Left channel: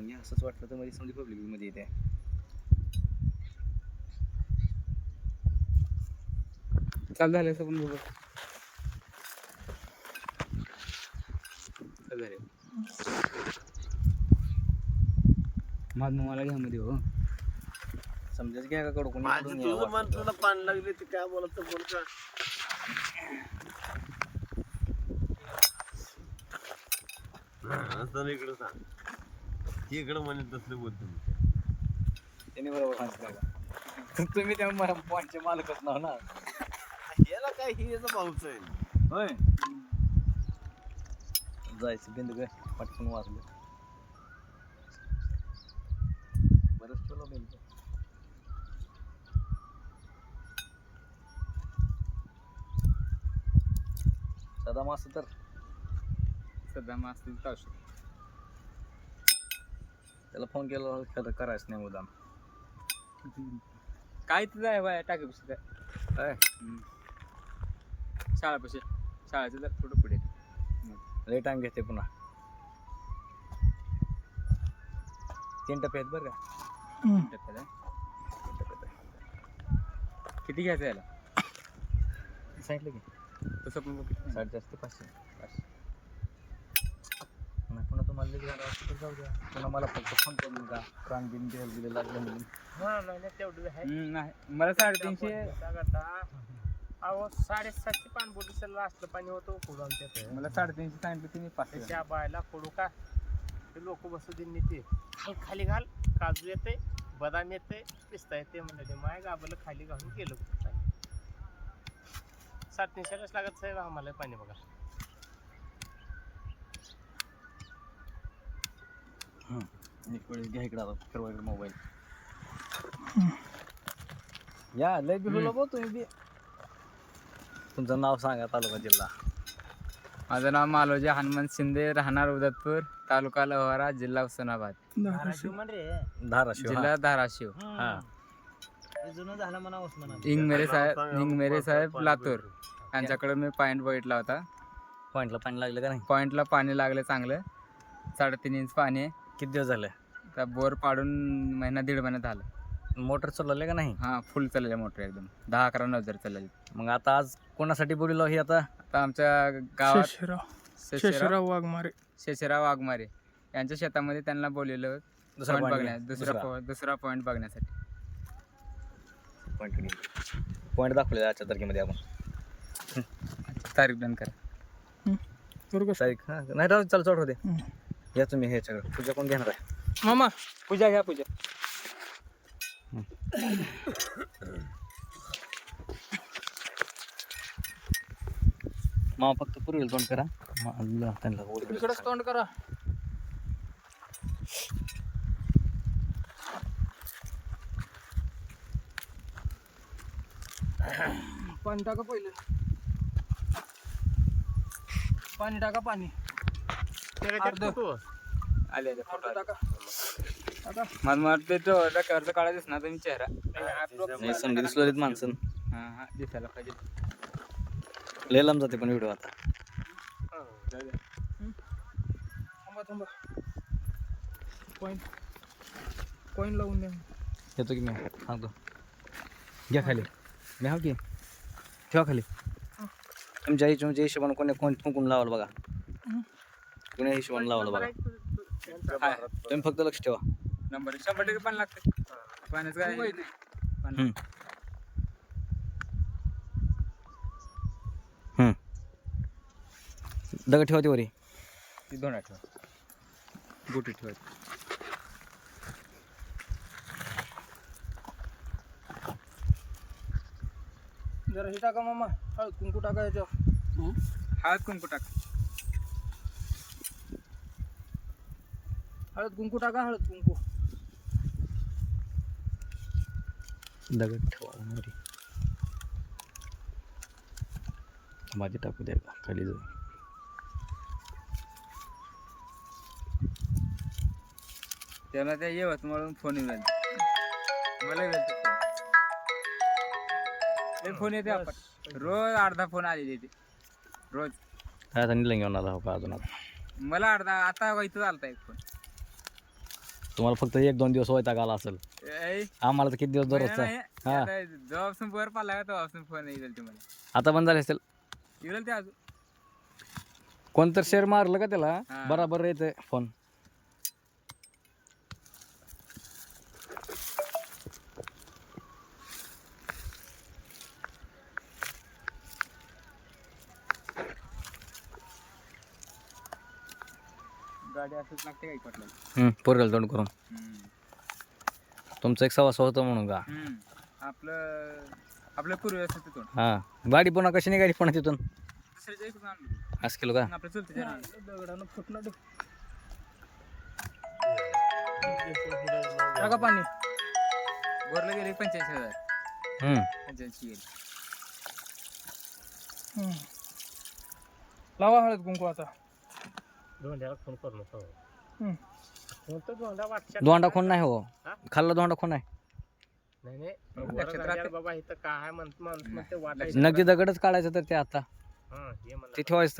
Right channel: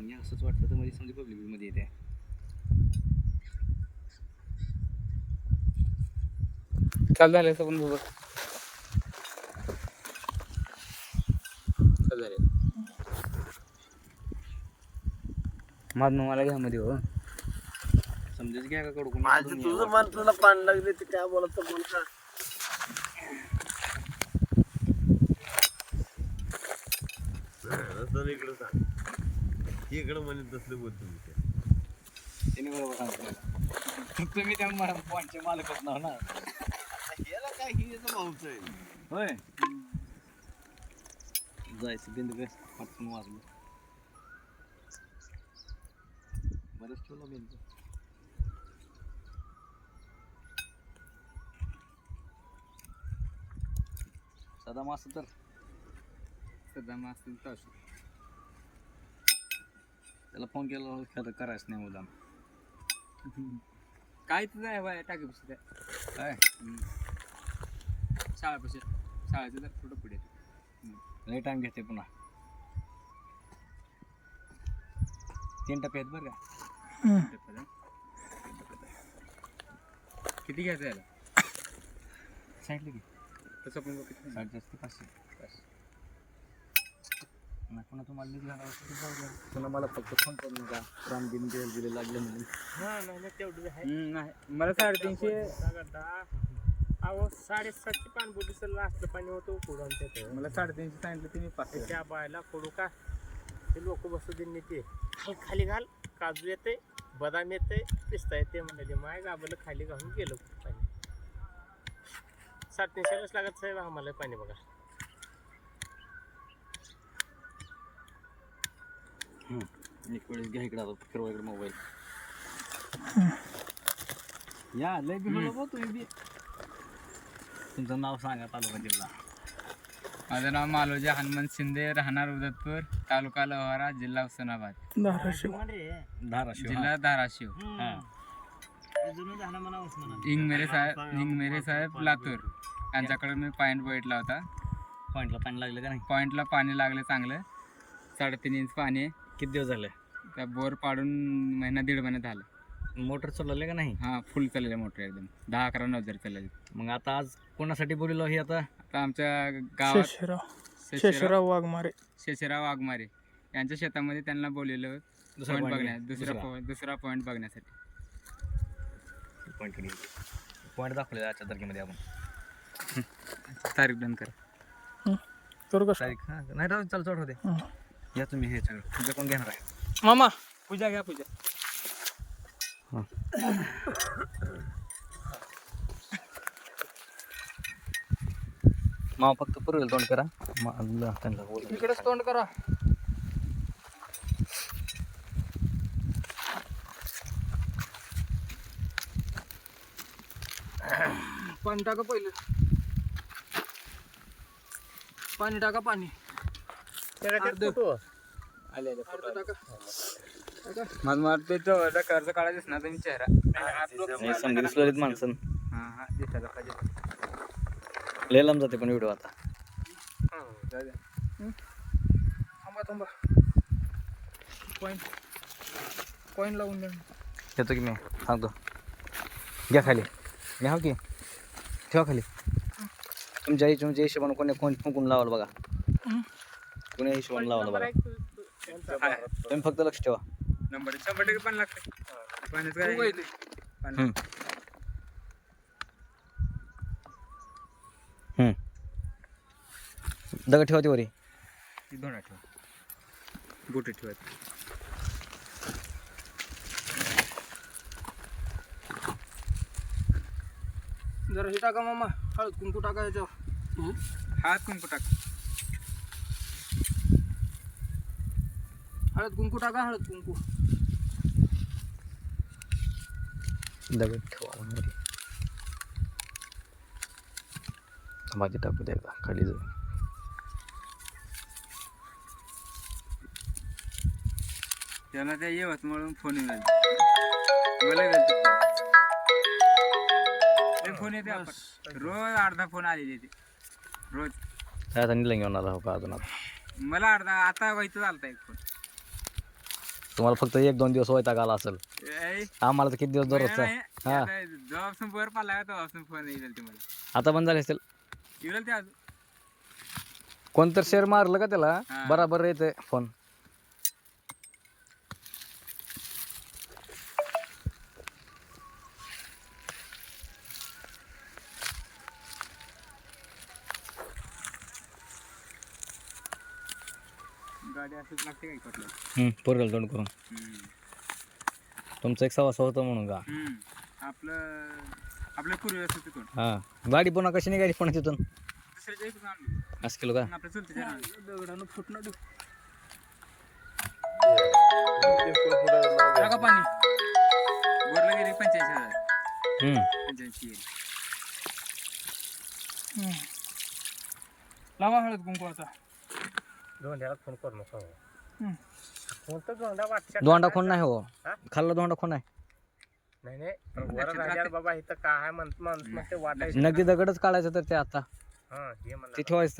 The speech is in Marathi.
घ्या असंच वाटलं तर मध्ये समजा पब्लिकमध्ये येते. चालू झालं असं पण बरोबर चालू झालं. माझ मला घ्या मध्ये हो. समजाच घ्या का काढू कोणी माझं तुझं. मन तुला पाणी लागले ते काय बोलत तर बोल का? असं इकडं सांग इकडं म्हणत तसले बोलतो मी त्या. त्याने बरोबर सांगितलं? तर तुम्ही त्या मला पॉईंटचे मालकच नाव ना. याला काय ही याचा भाऊच आहे. होय. जायचं बिंद काय? पटकन वाजलं. बरंच ठेवलं बिंद. सदा मास तर. सध्या मास्ती तासू त्याला फोन केला खरं करायचं नाही मुदाम काय तुझं आहे बाय टाकीपाशी काय? काय शाळापाशी शाळेचं जर थोडं पुढे. लय टाइम घेते पुन्हा. तीन टप्पे आहेत बरं का? किती घ्यायचं याला? सांगितलं की. तसं पण बघ. साडेचारशे ते पाचशे पाचशे. पुन्हा पुन्हा तुम्हाला लेट झाला असं तर जाऊ द्या. पुन्हा मला फक्त फोन करून नका बिन बिल बिल लागलं म्हणून. हा नाही तेवढं आहे. हम्म, नाही मला साडेतीनशे अहो साडेसातशे सर असलं पाणी होतं खोडू आमच्या इथे मला साडेतीनशे सांगितलं तुम्ही पाचशे त्या बायला खोडू का? ते लोक बसू दे नेते खाल खाली घाल काजू येते बदाम येते पिस्ता येते म्हणले माय गाबलं खाली घालून गेलं. पाणी साडेतीनशेलाच लागत साहेब आम्हाला पाणी बघा एक वेळेस घ्या इकडे आता फिरवा इकडे मोबाईल. या लय बघ तुम्ही बी. तुमचं नाव सांगा तालुका जिल्हा. माझं नाव मालोजी हनुमंत शिंदे राहणार उदतपूर तालुका लोहारा जिल्हा उस्मानाबाद. धाराशिव. धाराशिव. जिल्हा धाराशिव. हा. इंगमेरे साहेब इंगमेरे साहेब लातूर. यांच्याकडे मी पॉईंट बघितला होता. पॉईंटला पाणी लागलं का नाही? पॉईंटला पाणी लागलं चांगलं. साडेतीन इंच पाणी. आहे किती दिवस झाले? त्या बोर पाडून महिना दीड महिन्यात झालं. मोटर चालवले का नाही? हा फुल चाललेलं मोटर एकदम. दहा अकरा नवजर चाललेली मग आता आज कोणासाठी बोललो ही आता? आता आमच्या गावात शेषराव. शेषराव शेषराव वाघमारे. शेषराव वाघमारे. यांच्या शेतामध्ये त्यांना बोललेलं दुसरा पॉईंट point बघण्या. दुसरा दुसरा. point- दुसरा पॉईंट बघण्यासाठी. पॉईंट दाखवले आजच्या तारखेमध्ये आपण. तारीख डन कर. करू का तारीख हा, नाही राहू चालू चढ होते हं. या तुम्ही हे सगळं. तुझ्या कोण घेणार आहे? मामा पूजा घ्या पूजा. मा फक्त पुरेल तोंड करा. इकडेच तोंड करा. पाणी टाका पहिलं. पाणी टाका पाणी. अर्ध. आले मला वाटतं तो कर्ज काढा दिसणार तुम्ही चेहरा. नाही समजा दिसलो माणसं. हा हा दिसायला पाहिजे. लय लांब जाते पण व्हिडिओ आता. जाऊ द्या. थांबा थांबा. पॉईंट पॉईंट लावून द्या. येतो की मी सांगतो. घ्या खाली. घ्या की? ठेवा खाली. तुमच्या हिशोबाने कोणी कोण फुंकून लावाल बघा. हं. कोणी हिशोबाने लावाल बघा. हा, तुम्ही फक्त लक्ष ठेवा. नंबर शंभर टक्के पाणी लागतं पाण्याचं तू काय? काय ते? पाणी- हम्म. हम्म. दगड ठेवा ती वरी. ती दोन ठेवायची जरा हे टाका मामा. हळद कुंकू टाका ह्याच्यावर हात कुंकू टाक. हळद कुंकू टाका हळद कुंकू. दगड ठेवा भाजी टाकू द्या खाली जाऊ त्याला त्या येवत म्हणून फोन येऊन. मला फोन येते. रोज अर्धा फोन आलेले ते. रोज. काय आता निलंगी होणार हो का अजून आता? मला अर्धा आता व्हायचं चालता एक फोन. तुम्हाला फक्त एक दोन दिवस वैताग आला असेल. आम्हाला तर किती दिवस दररोजचा नाही, हा. आता फोन येईल बंद झाले असेल येईल ते अजून. कोणतर शेअर मारलं का त्याला. बराबर येते फोन गाडी असंच लागते काही कुठलं हम्म, पोरगेला तोंड करून. तुमचं एक सवास होतं म्हणून का? आपलं आपलं पूर्वी असं तिथून. हा. गाडी पुन्हा कशी निघाली पुन्हा तिथून? दुसऱ्याच्या इकडून आणली असं केलं का? दगडानं फुटणार. टाका पाणी. बोरला गेली पंच्याऐंशी हजार. हम्म. पंच्याऐंशी गेली. लावा हळद कुंकू आता. धोंड्याला फोन करू नको. हम्म. कोणतं धोंडा वाटच्या दोंडा खोन नाही हो. हा? खाल्ला दोंडा खोन आहे नाही नाही. पण राहिल्यावर बाबा इथं काय आहे म्हणत माणूस म्हणते वाटायचं. नगदी दगडच काढायचं तर ते आता. हा हे म्हणलं ते ठेवायचं